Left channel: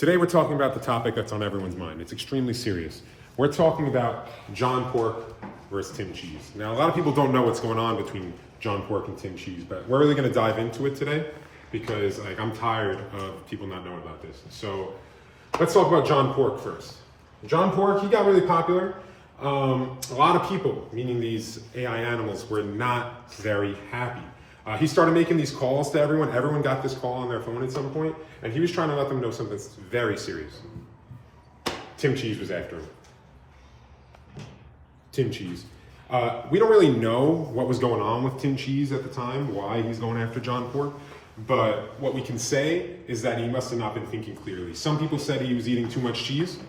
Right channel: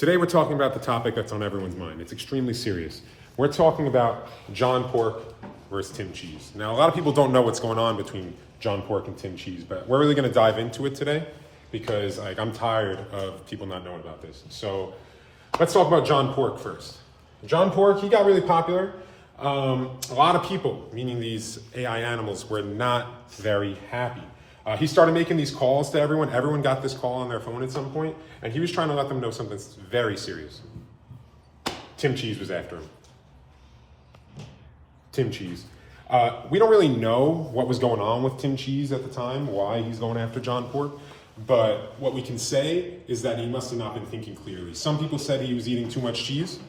Today we're talking about the topic that's on everyone's mind. It's extremely serious. We're talking about John Pork versus Tim Cheese. Now, a lot of people don't know what's going on between John Pork and Tim Cheese, but we're really going to dive into it today because I'm tired of people not knowing about this. So let's talk about John Pork first. John Pork, he got really popular. A lot of people, meaning these AI animals, were not very happy. He started making these calls to everyone. Everyone got this call on their phone at some point, and he was trying to let them know something very serious. Tim Cheese was after him. Tim Cheese. We don't really know what was going on with Tim Cheese at the time, why he's going after John Pork, but what we can say is that he must have not been thinking clearly. Some people said he was eating too much cheese,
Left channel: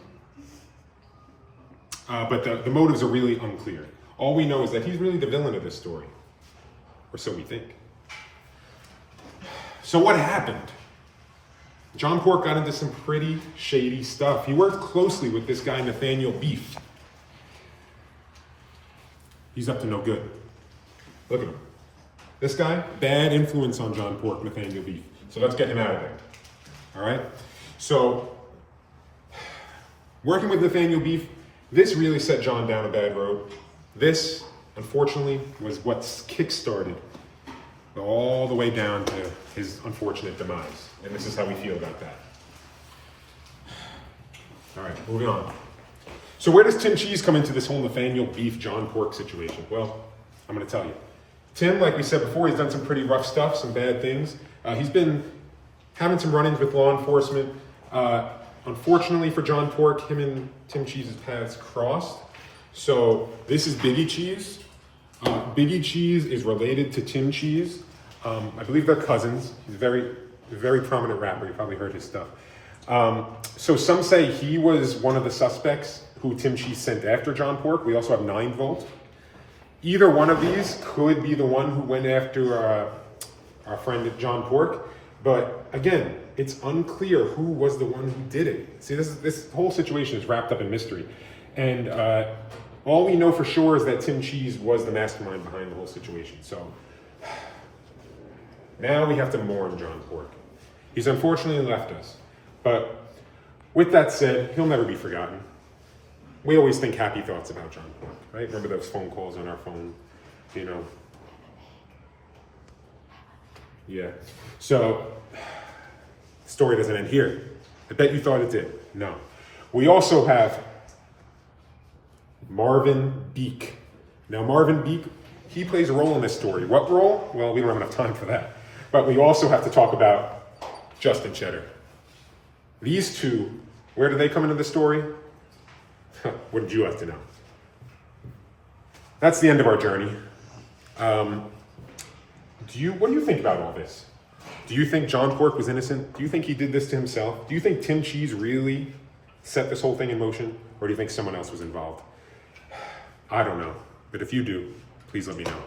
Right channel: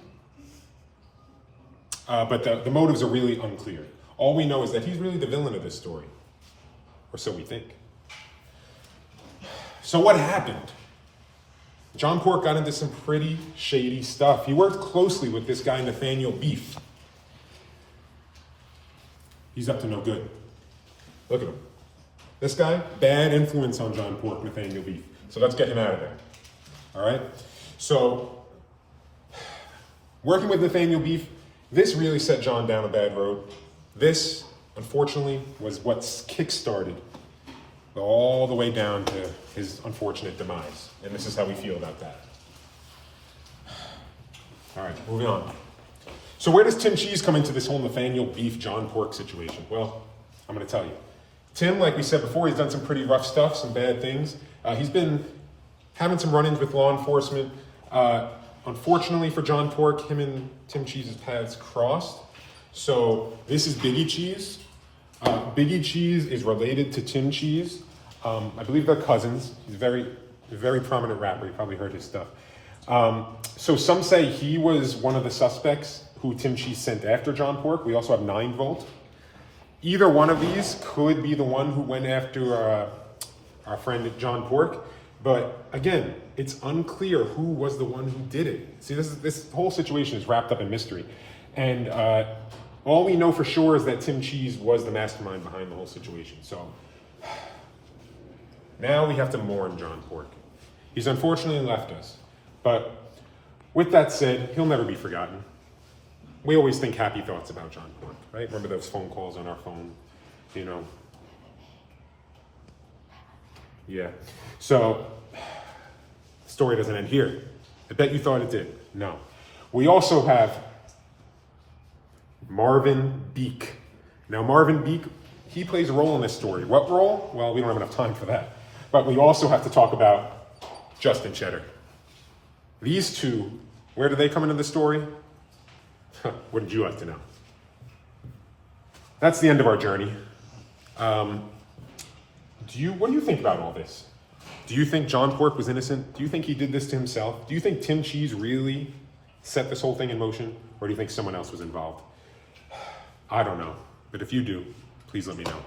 but the motives are really unclear. All we know is that he's really the villain of this story, or so we think. So what happened? John Pork got into some pretty shady stuff. He worked closely with this guy, Nathaniel Beef. He's up to no good. Look at him. This guy, bad influence on John Pork, Nathaniel Beef. So let's get him out of there. All right? So, working with Nathaniel Beef, this really set John down a bad road. This, unfortunately, was what kick-started all the way down to his unfortunate demise. And this is how we feel about that. All right, moving on. So where does Tim Cheese come into this whole Nathaniel Beef, John Pork situation? Well, I'm going to tell you. Tim, like we said before, he's done some pretty rough stuff, some bad things. He's been having some run-ins with law enforcement. Unfortunately for John Pork, him and Tim Cheese's paths crossed. So this is Biggie Cheese. Biggie Cheese is related to Tim Cheese. I believe they're cousins. He's a very prominent rapper. You probably heard his stuff. So some say he was one of the suspects who Tim Cheese sent after John Pork. We also have 9 Volt. Either one of these could be the one who went after our friend John Pork. But again, it's unclear who was the one who did it. See, this whole situation is wrapped up in mystery. And all we know for sure is that Tim Cheese was the mastermind behind the whole situation. So now we have to mourn John Pork. He's unfortunately left us. But with that said, he'll never be forgotten. We always think happy thoughts about John Pork, right? Remember those phone calls on our phone, Yeah. So, the story doesn't end here. I bet you thought it did. No. We also have Marvin Beek. Now, Marvin Beek, he plays a role in this story. What role? Well, we don't have enough time for that. But we also have to talk about Justin Cheddar. These two, where do they come into the story? What did you have to know? That's the end of our journey. What do you think about all this? Do you think John Pork was innocent? Do you think he did this to himself? Do you think Tim Cheese really set this whole thing in motion? Or do you think someone else was involved? I don't know. But if you do, please let me know.